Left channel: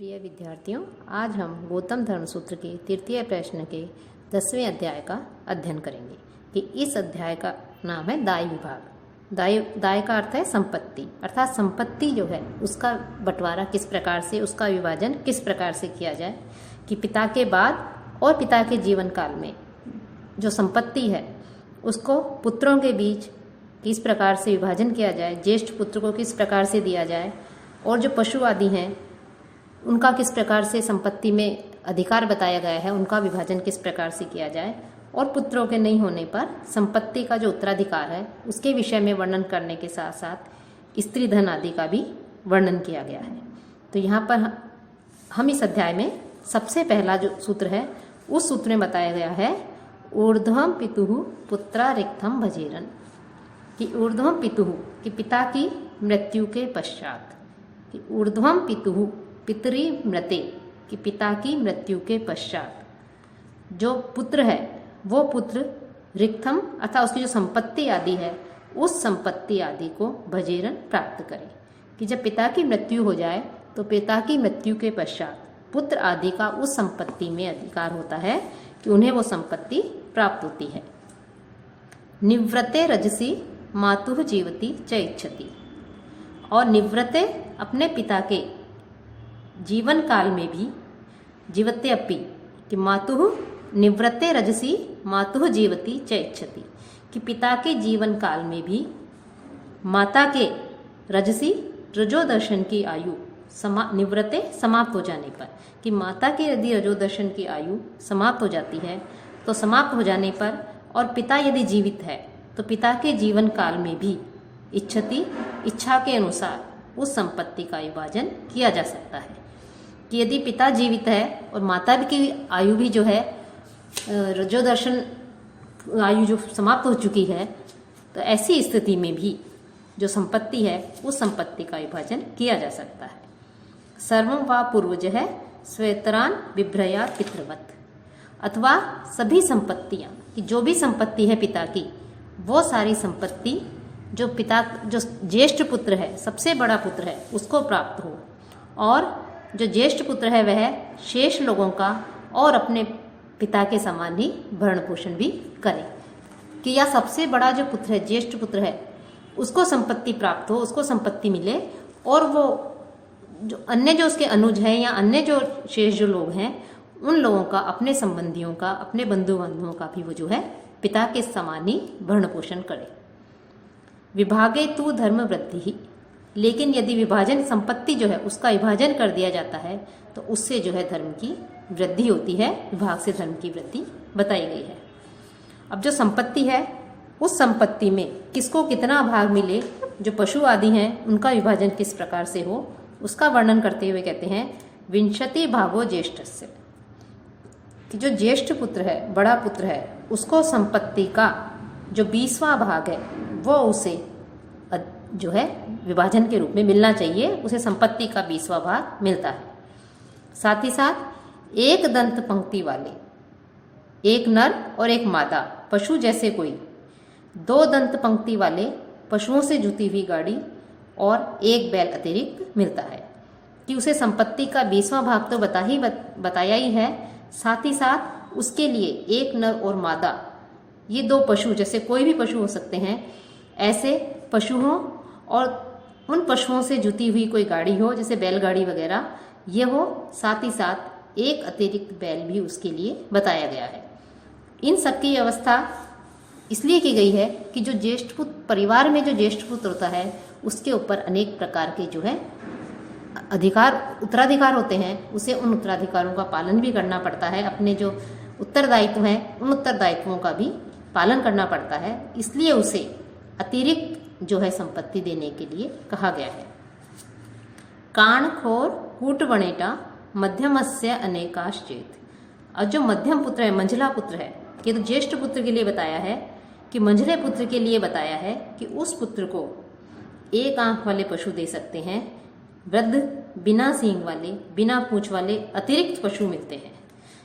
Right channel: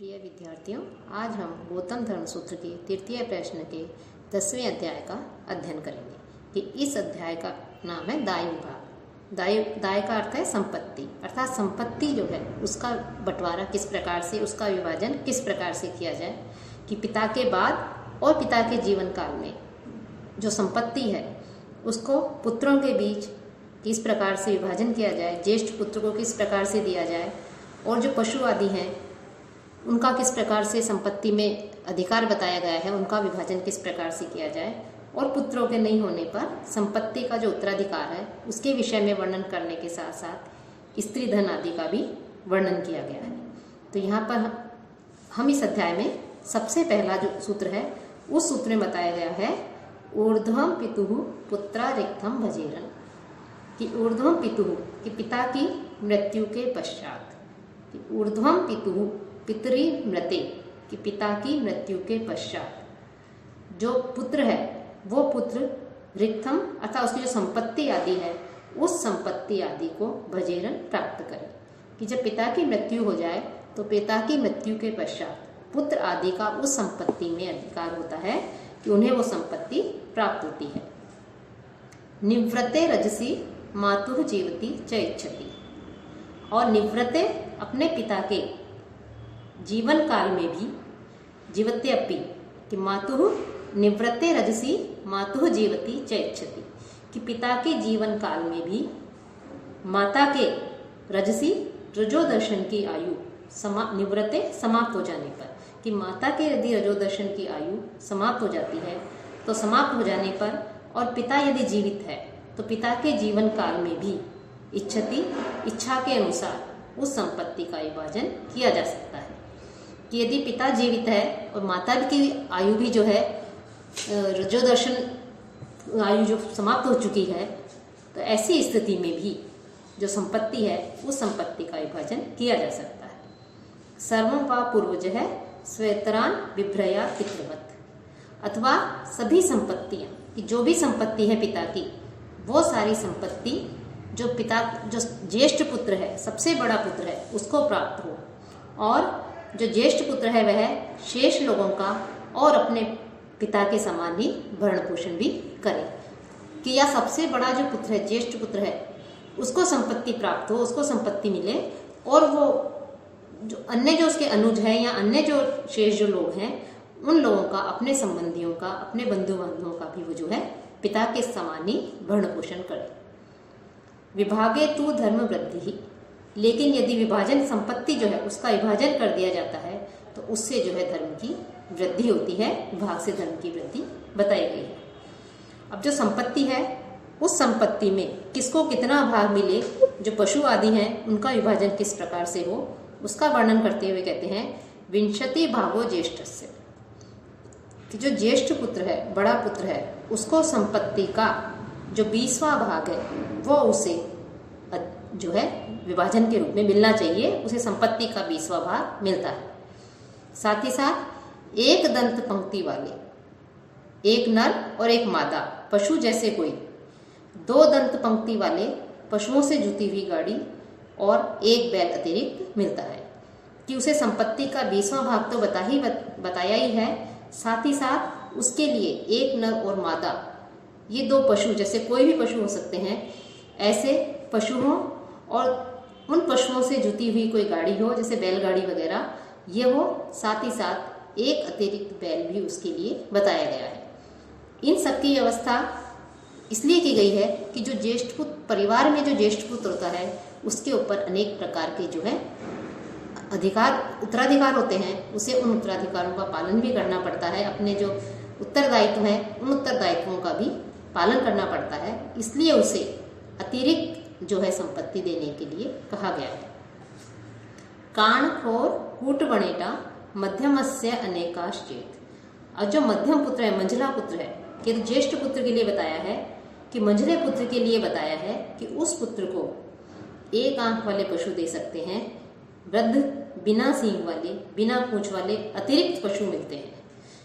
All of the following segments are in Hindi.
प्रिय विद्यार्थियों, आज हम गौतम धर्म सूत्र के तृतीय प्रश्न के 10वें अध्याय का अध्ययन करेंगे कि इस अध्याय का नाम है दाय विभाग। दाय का अर्थ है संपत्ति, अर्थात संपत्ति जो है उसका बंटवारा किस प्रकार से, उसका विभाजन किस प्रकार से किया जाए कि पिता के बाद और पिता के जीवन काल में जो संपत्ति है उसको पुत्रों के बीच किस प्रकार से विभाजन किया जाए, ज्येष्ठ पुत्र को किस प्रकार से दिया जाए और जो पशु आदि हैं उनका किस प्रकार से संपत्ति में अधिकार बताया गया है, उनका विभाजन किस प्रकार से किया जाए और पुत्रों के नहीं होने पर संपत्ति का जो उत्तराधिकार है उसके विषय में वर्णन करने के साथ साथ स्त्री धन आदि का भी वर्णन किया गया है। तो यहाँ पर हम इस अध्याय में सबसे पहला जो सूत्र है उस सूत्र में बताया गया है ऊर्ध्वम पितुः पुत्रा रिक्थम भजेरन, कि ऊर्ध्वम पितुः कि पिता की मृत्यु के पश्चात, कि ऊर्ध्वम पितुः पितरी मृते कि पिता की मृत्यु के पश्चात जो पुत्र है वो पुत्र रिक्थम अर्थात उसकी जो संपत्ति आदि है उस संपत्ति आदि को भजेरन प्राप्त करे, कि जब पिता की मृत्यु हो जाए तो पिता की मृत्यु के पश्चात पुत्र आदि का उस संपत्ति में अधिकार होता है कि उन्हें वो संपत्ति प्राप्त होती है। निवृत्ते रजसी मातुः जीवति च इच्छति, और निवृत्ते अपने पिता के जीवन काल में भी जीवते अपि कि मातुः निवृत्ते रजसी मातुः जीवति च इच्छति, कि पिता के जीवन काल में भी माता के रजसी रजोदर्शन की आयु निवृत्ते समाप्त हो जाने पर, कि माता के यदि रजोदर्शन की आयु समाप्त हो जाती है तो समाप्त हो जाने पर और पिता यदि जीवित है तो पिता के जीवन काल में भी इच्छति इच्छा के अनुसार उस संपत्ति का विभाजन किया जा सकता है। कि यदि पिता जीवित है और माता की आयु भी जो है रजोदर्शन आयु जो समाप्त हो चुकी है तो ऐसी स्थिति में भी जो संपत्ति है उस संपत्ति का विभाजन किया जा सकता है। सर्वम वा पूर्वज है स्वेतरान विभ्रया पितृवत, अथवा सभी संपत्तियां कि जो भी संपत्ति है पिता की वो सारी संपत्ति जो पिता जो ज्येष्ठ पुत्र है सबसे बड़ा पुत्र है उसको प्राप्त हो और जो ज्येष्ठ पुत्र है वह शेष लोगों का और अपने पिता के समान ही भरण पोषण भी करे, कि या सबसे बड़ा जो पुत्र है ज्येष्ठ पुत्र है उसको संपत्ति प्राप्त हो, उसको संपत्ति मिले और वो जो अन्य जो उसके अनुज हैं या अन्य जो शेष जो लोग हैं उन लोगों का, अपने संबंधियों का, अपने बंधु बांधवों का भी वो जो है पिता के समान ही भरण पोषण करे। विभागे तु धर्म वृद्धि ही, लेकिन यदि विभाजन संपत्ति जो है उसका विभाजन कर दिया जाता है तो उससे जो है धर्म की वृद्धि होती है, विभाग से धर्म की वृद्धि बताई गई है। अब जो संपत्ति है उस संपत्ति में किसको कितना भाग मिले, जो पशु आदि हैं उनका विभाजन किस प्रकार से हो उसका वर्णन करते हुए कहते हैं विंशति भागो ज्येष्ठस्य, कि जो ज्येष्ठ पुत्र है, बड़ा पुत्र है, उसको संपत्ति का जो 20वां भाग है वो उसे जो है विभाजन के रूप में मिलना चाहिए, उसे संपत्ति का 20वां भाग मिलता है। साथ ही साथ एक दंत पंक्ति वाले, एक नर और एक मादा पशु जैसे कोई, 2 दंत पंक्ति वाले पशुओं से जुती हुई गाड़ी और एक बैल अतिरिक्त मिलता है, कि उसे संपत्ति का 20वां भाग तो बताया ही है, साथ ही साथ उसके लिए एक नर और मादा ये 2 पशु जैसे कोई भी पशु हो सकते हैं, ऐसे पशु हों और उन पशुओं से जुती हुई कोई गाड़ी हो जैसे बैलगाड़ी वगैरह ये हो, साथ ही साथ एक अतिरिक्त बैल भी उसके लिए बताया गया है। इन सब की व्यवस्था इसलिए की गई है कि जो ज्येष्ठ पुत्र परिवार में जो ज्येष्ठ पुत्र होता है उसके ऊपर अनेक प्रकार के जो है उत्तराधिकार होते हैं, उसे उन उत्तराधिकारों का पालन भी करना पड़ता है, अपने जो उत्तरदायित्व हैं उन उत्तरदायित्वों का भी पालन करना पड़ता है, इसलिए उसे अतिरिक्त जो है संपत्ति देने के लिए कहा गया है। काणखोर कूटवणेटा मध्यमस्य अनेकाश्चेत, और जो मध्यम पुत्र है, मंझला पुत्र है, कि तो ज्येष्ठ पुत्र के लिए बताया है कि मंझले पुत्र के लिए बताया है कि उस पुत्र को एक आंख वाले पशु दे सकते हैं, वृद्ध बिना सींग वाले, बिना पूंछ वाले अतिरिक्त पशु मिलते हैं।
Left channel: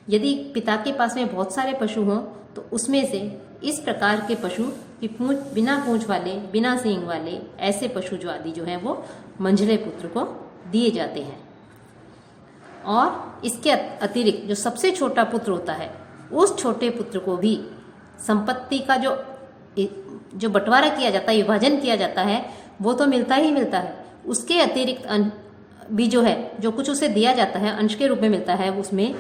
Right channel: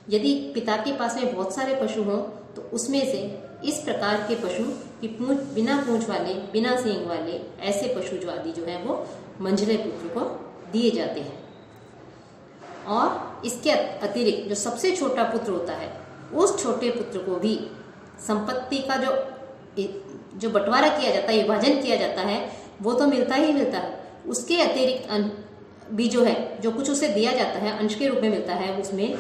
यदि पिता के पास में बहुत सारे पशु हों तो उसमें से इस प्रकार के पशु कि बिना पूंछ वाले, बिना सींग वाले ऐसे पशु जो आदि जो हैं वो मंझले पुत्र को दिए जाते हैं। और इसके अतिरिक्त जो सबसे छोटा पुत्र होता है उस छोटे पुत्र को भी संपत्ति का जो बंटवारा किया जाता है, विभाजन किया जाता है, वो तो मिलता ही मिलता है। उसके अतिरिक्त भी जो है, जो कुछ उसे दिया जाता है अंश के रूप में मिलता है, उसमें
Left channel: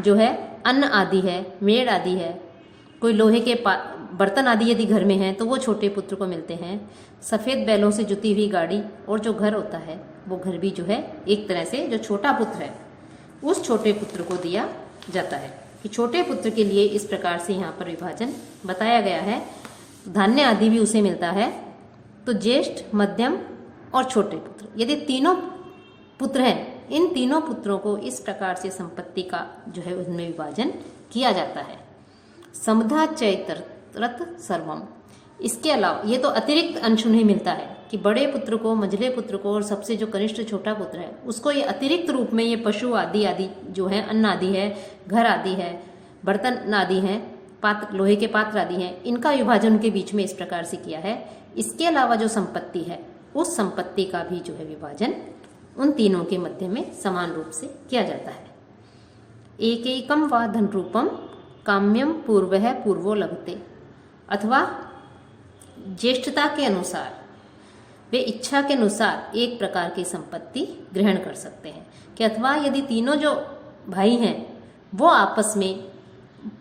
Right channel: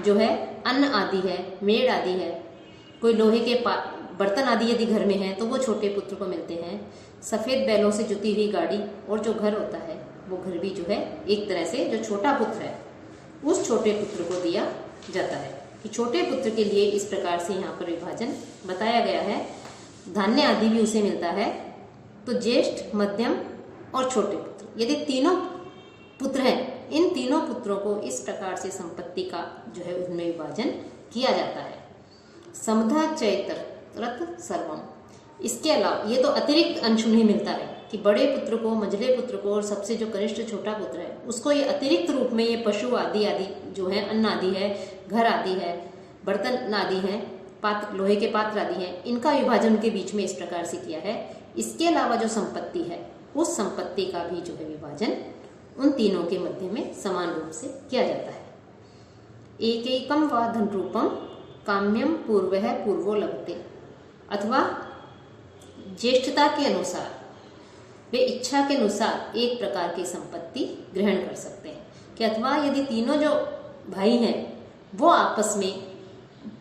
जो है अन्न आदि है, मेड़ आदि है, कोई लोहे के बर्तन आदि यदि घर में है तो वो छोटे पुत्र को मिलते हैं। सफ़ेद बैलों से जुती हुई गाड़ी और जो घर होता है वो घर भी जो है एक तरह से जो छोटा पुत्र है उस छोटे पुत्र को दिया जाता है। कि छोटे पुत्र के लिए इस प्रकार से यहाँ पर विभाजन बताया गया है। धान्य आदि भी उसे मिलता है। तो ज्येष्ठ, मध्यम और छोटे पुत्र, यदि तीनों पुत्र हैं, इन तीनों पुत्रों को इस प्रकार से संपत्ति का जो है उनमें विभाजन किया जाता है। समधा चैतरत सर्वम, इसके अलावा ये तो अतिरिक्त अंश उन्हें मिलता है कि बड़े पुत्र को, मझले पुत्र को और सबसे जो कनिष्ठ छोटा पुत्र है उसको ये अतिरिक्त रूप में ये पशु आदि जो है, अन्न आदि है, घर आदि है, बर्तन आदि हैं, पात्र, लोहे के पात्र आदि हैं, इनका विभाजन के बीच में इस प्रकार से किया है। इसके अलावा जो संपत्ति है उस संपत्ति का भी जो है विभाजन उन तीनों के मध्य में समान रूप से किया जाता है। एकैकम वा धन रूपम काम्यम पूर्वः पूर्वो लभते, अथवा ज्येष्ठता के अनुसार वे इच्छा के अनुसार एक प्रकार की संपत्ति ग्रहण कर सकते हैं। कि अथवा यदि तीनों जो भाई हैं वो आपस में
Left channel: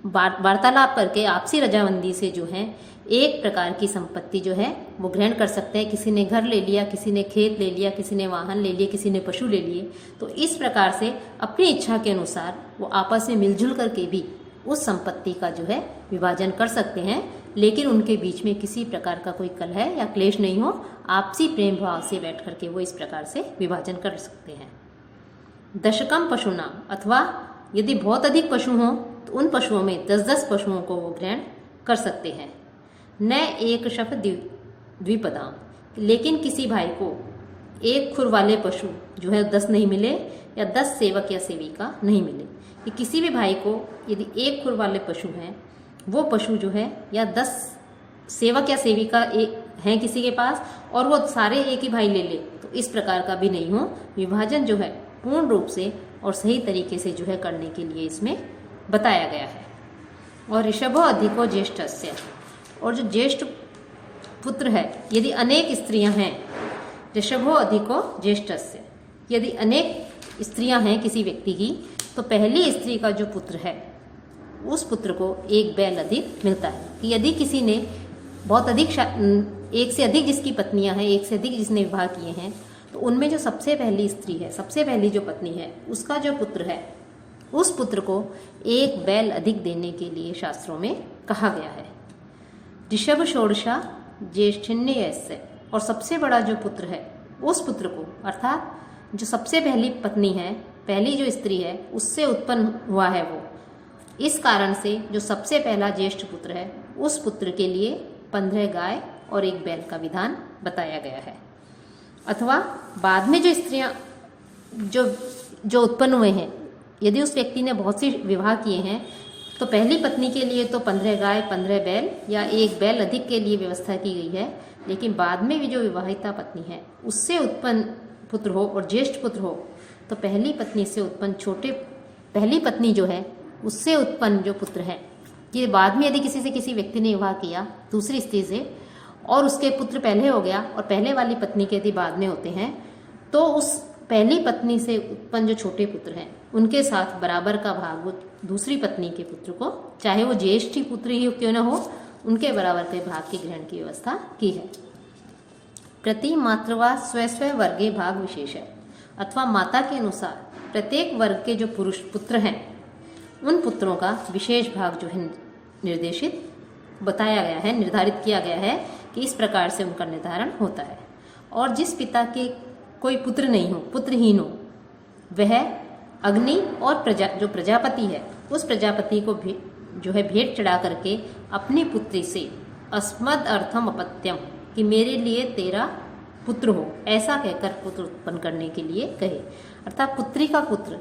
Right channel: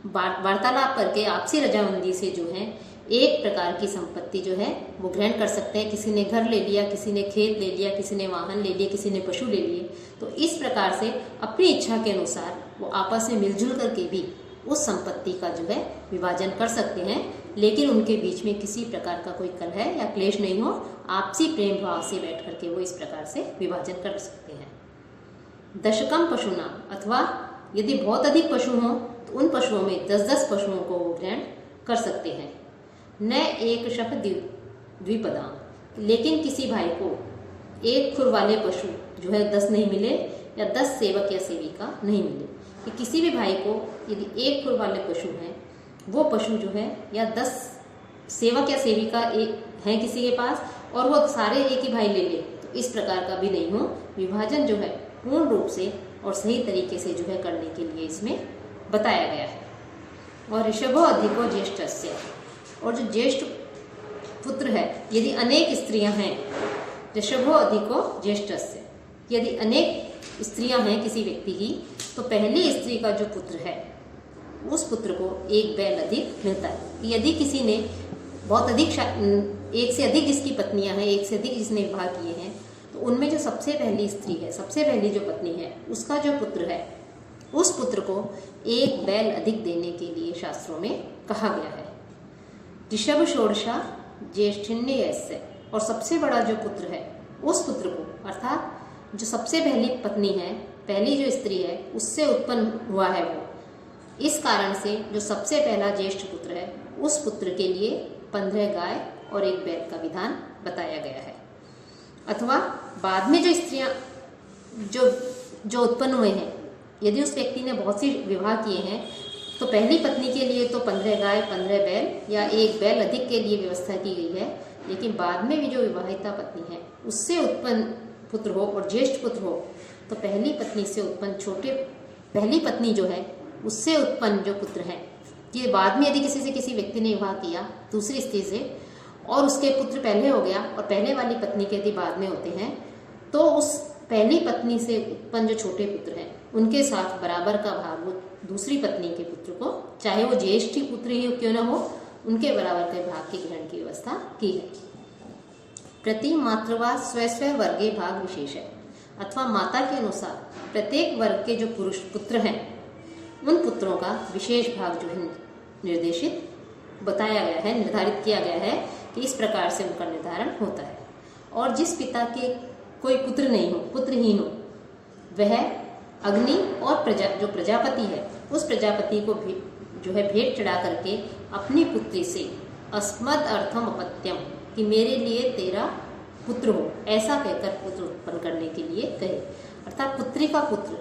वार्तालाप करके आपसी रजामंदी से जो है एक प्रकार की संपत्ति जो है वो ग्रहण कर सकते हैं। किसी ने घर ले लिया, किसी ने खेत ले लिया, किसी ने वाहन ले लिए, किसी ने पशु ले लिए। तो इस प्रकार से अपनी इच्छा के अनुसार वो आपस में मिलजुल करके भी उस संपत्ति का जो है विभाजन कर सकते हैं, लेकिन उनके बीच में किसी प्रकार का कोई कलह या क्लेश नहीं हो, आपसी प्रेम भाव से बैठ करके वो इस प्रकार से विभाजन कर सकते हैं। दशकम पशुनाम, अथवा यदि बहुत अधिक पशु हों तो उन पशुओं में 10-10 पशुओं को वो ग्रहण कर सकते हैं। न एक शफ द्विपदाम, लेकिन किसी भाई को एक खुर वाले पशु जो है 10 नहीं मिले या 10 सेवक या सेविका नहीं मिले। कि किसी भी भाई को यदि एक खुर वाले पशु हैं, वो पशु जो है या 10 सेवक या सेविका हैं किसी के पास और वो सारे एक ही भाई ले ले, तो इस प्रकार का भी नहीं हो। विभाजन जो है पूर्ण रूप से और सही तरीके से जो है करने के लिए इसमें बताया गया है। और ऋषभो अधिको ज्येष्ठस्य, और जो ज्येष्ठ पुत्र है यदि अनेक स्त्रियां हैं, ऋषभो अधिको ज्येष्ठस्य, यदि अनेक स्त्रियां हैं किसी व्यक्ति की, तो पहली स्त्री का जो पुत्र है उस पुत्र को एक बैल अधिक मिलता है। यदि किसी ने बहुत अधिक एक से अधिक जिसकी पत्नियां हैं, एक से अधिक जिसने विवाह किए हैं, तो उनमें जो सबसे पहली स्त्री है, सबसे पहली जो पत्नी है, उसका जो पुत्र है उस पुत्र को एक बैल अधिक देने के लिए शास्त्रों में कहा गया है। ऋषभ षोडशा ज्येष्ठिन्यस्य, और सबसे बड़ा जो पुत्र है उस पुत्र को, अर्थात जो सबसे पहली पत्नी है, पहली जो स्त्री है उससे उत्पन्न हुआ है वो, इस कारण से जो सबसे पहला ज्येष्ठ पुत्र है उस पुत्र के लिए 15 गाय और एक बैल का विधान बताया गया है। अथवा बाद में जो स्त्रियां जो उत्पन्न हुए हैं, यदि उस व्यक्ति ने बहुत सी विवाह किए हैं, तो पहली पत्नी के लिए तो 15 गाय, 15 बैल या एक बैल अधिक के लिए व्यवस्था की गई है। लेकिन बाद में भी जो विवाहिता पत्नी है उससे उत्पन्न पुत्र हो और ज्येष्ठ पुत्र हो, तो पहली पत्नी से उत्पन्न पहली पत्नी जो है उससे उत्पन्न जो पुत्र हैं, ये बाद में यदि किसी व्यक्ति ने विवाह किया दूसरी स्त्री से और उसके पुत्र पहले हो गया और पहले वाली पत्नी के यदि बाद में होते हैं, तो उस पहली पत्नी से उत्पन्न जो छोटे पुत्र हैं उनके साथ बराबर का भाग वो दूसरी पत्नी के पुत्र को, चाहे वो ज्येष्ठ पुत्र ही क्यों न हो, उनके बराबर के भाग के ग्रहण की व्यवस्था की है। प्रति मातृवा स्व वर्गे भाग विशेष है, अथवा माता के अनुसार प्रत्येक वर्ग के जो पुरुष पुत्र हैं उन पुत्रों का विशेष भाग जो है निर्देशित बताया गया है, निर्धारित किया गया है कि इस प्रकार से उनका निर्धारण होता है। और जिस पिता के कोई पुत्र नहीं हो, पुत्रहीन हो, वह अग्नि और जो प्रजापति है उस प्रजापति को भी जो है भेंट चढ़ा करके अपनी पुत्री से अस्मद अर्थम अपत्यम, कि मेरे लिए तेरा पुत्र हो, ऐसा कहकर पुत्र उत्पन्न करने के लिए कहे। अर्थात पुत्री का पुत्र,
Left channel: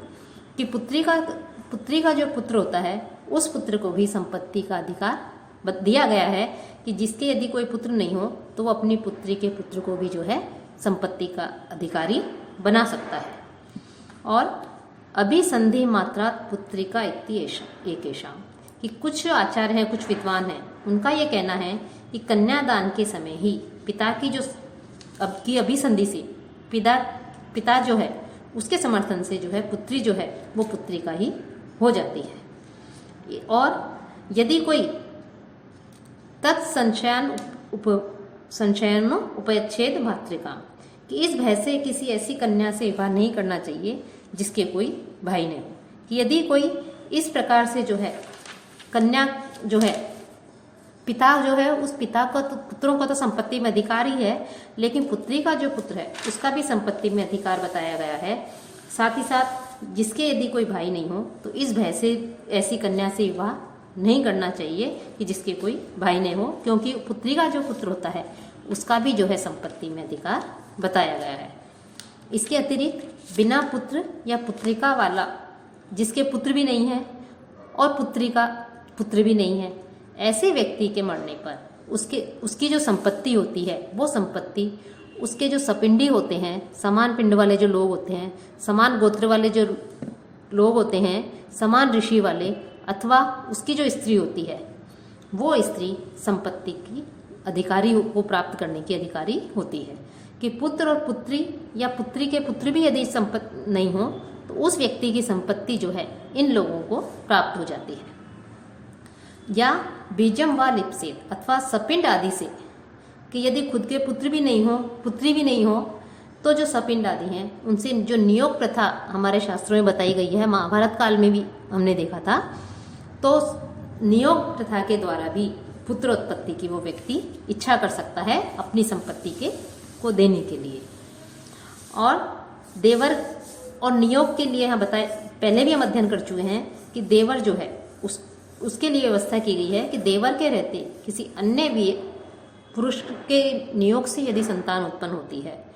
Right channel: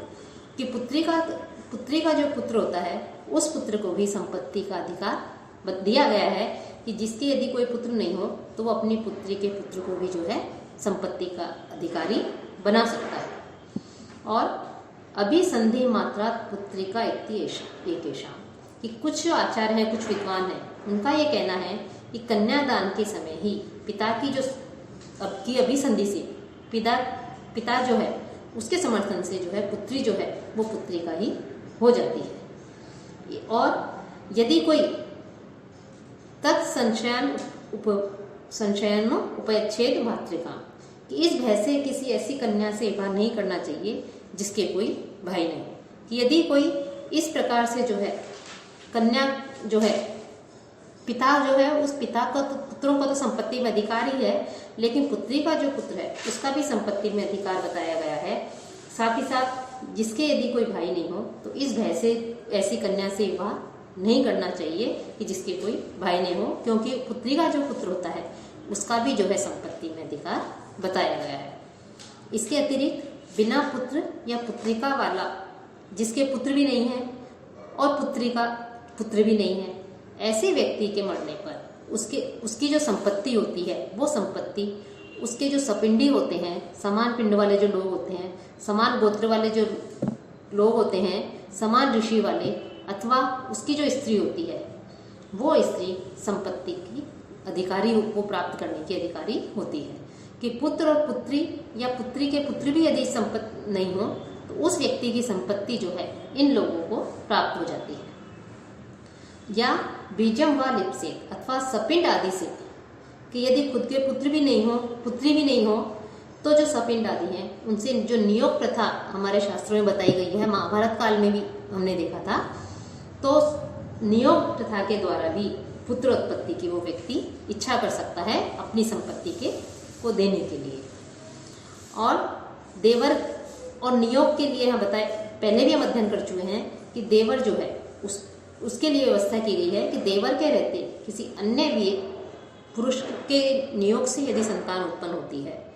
कि पुत्री का जो पुत्र होता है उस पुत्र को भी संपत्ति का अधिकार दिया गया है कि जिसके यदि कोई पुत्र नहीं हो तो वो अपनी पुत्री के पुत्र को भी जो है संपत्ति का अधिकारी बना सकता है। और अभिसंधि मात्रा पुत्रिका एकेषां, कि कुछ आचार्य हैं, कुछ विद्वान हैं, उनका ये कहना है कि कन्यादान के समय ही पिता की जो अब की अभिसंधि से पिता जो है उसके समर्थन से जो है पुत्री जो है वो पुत्रिका ही हो जाती है। और यदि कोई तत्संशयन उपच्छेद भातृका, कि इस भय से किसी ऐसी कन्या से विवाह नहीं करना चाहिए जिसके कोई भाई नहीं हो। कि यदि कोई इस प्रकार से जो है कन्या जो है पिता जो है उस पिता का तो पुत्रों का तो संपत्ति में अधिकार ही है, लेकिन पुत्री का जो पुत्र है उसका भी संपत्ति में अधिकार बताया गया है। साथ ही साथ जिसके यदि कोई भाई नहीं हो तो इस भय से ऐसी कन्या से विवाह नहीं करना चाहिए कि जिसके कोई भाई नहीं हो, क्योंकि पुत्री का जो पुत्र होता है उसका भी जो है संपत्ति में अधिकार बताया गया है। इसके अतिरिक्त बिना पुत्र या पुत्रिका वाला, जिसके पुत्र भी नहीं है और पुत्री का पुत्र भी नहीं है, ऐसे व्यक्ति के मरने पर उसकी जो संपत्ति होती है वो संपत्ति उसके जो सपिंडी होते हैं, समान पिंड वाले जो लोग होते हैं, समान गोत्र वाले जो लोग होते हैं, समान ऋषि वाले, अथवा उसकी जो स्त्री होती है वो स्त्री संपत्ति की अधिकारी को प्राप्त करने की अधिकारी होती है। कि पुत्र और पुत्री या पुत्री के पुत्र भी यदि संपत्ति नहीं हो तो उस व्यक्ति की संपत्ति जो है इन लोगों को प्राप्त हो जाती है। या बीजम व लिप्सेत, अथवा सपिंड आदि से, कि यदि खुद के पुत्र भी नहीं हो पुत्री भी नहीं हो तो जो सपिंड आदि हैं उनसे जो नियोग प्रथा हमारे शास्त्रों में बताई गई है, महाभारत काल में भी हमने देखा था, तो नियोग प्रथा के द्वारा भी पुत्र उत्पत्ति की वो व्यक्ति इच्छा कर सकता है अपनी संपत्ति को देने के लिए। और देवर और नियोग के लिए हम बताए पहले भी हम अध्ययन कर चुके हैं कि देवर जो है उसके लिए व्यवस्था की गई है कि देवर के रहते किसी अन्य भी पुरुष के नियोग से यदि संतान उत्पन्न होती है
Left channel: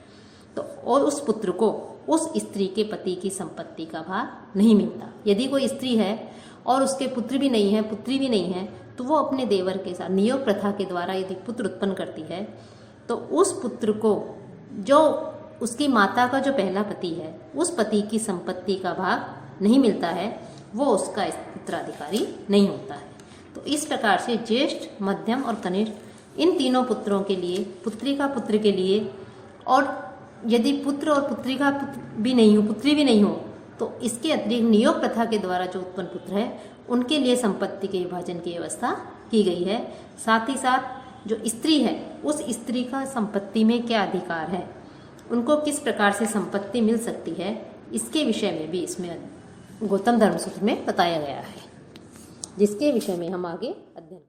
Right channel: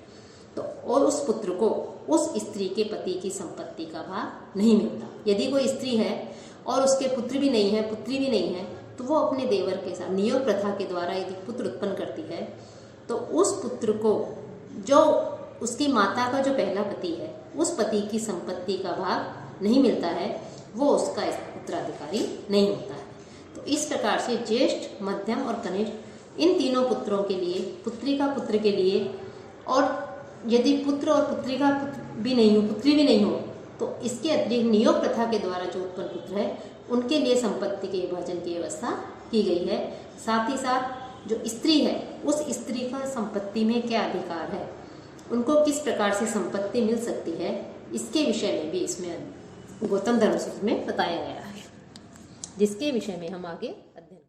तो और उस पुत्र को उस स्त्री के पति की संपत्ति का भाग नहीं मिलता। यदि कोई स्त्री है और उसके पुत्र भी नहीं है पुत्री भी नहीं है तो वो अपने देवर के साथ नियोग प्रथा के द्वारा यदि पुत्र उत्पन्न करती है तो उस पुत्र को जो उसकी माता का जो पहला पति है उस पति की संपत्ति का भाग नहीं मिलता है, वो उसका उत्तराधिकारी नहीं होता है। तो इस प्रकार से ज्येष्ठ, मध्यम और कनिष्ठ इन तीनों पुत्रों के लिए, पुत्री का पुत्र के लिए, और यदि पुत्र और पुत्री का भी नहीं हो पुत्री भी नहीं हो तो इसके अतिरिक्त नियोग प्रथा के द्वारा जो उत्पन्न पुत्र है उनके लिए संपत्ति के विभाजन की व्यवस्था की गई है। साथ ही साथ जो स्त्री है उस स्त्री का संपत्ति में क्या अधिकार है, उनको किस प्रकार से संपत्ति मिल सकती है, इसके विषय में भी इसमें गौतम धर्म सूत्र में बताया गया है, जिसके विषय में हम आगे अध्ययन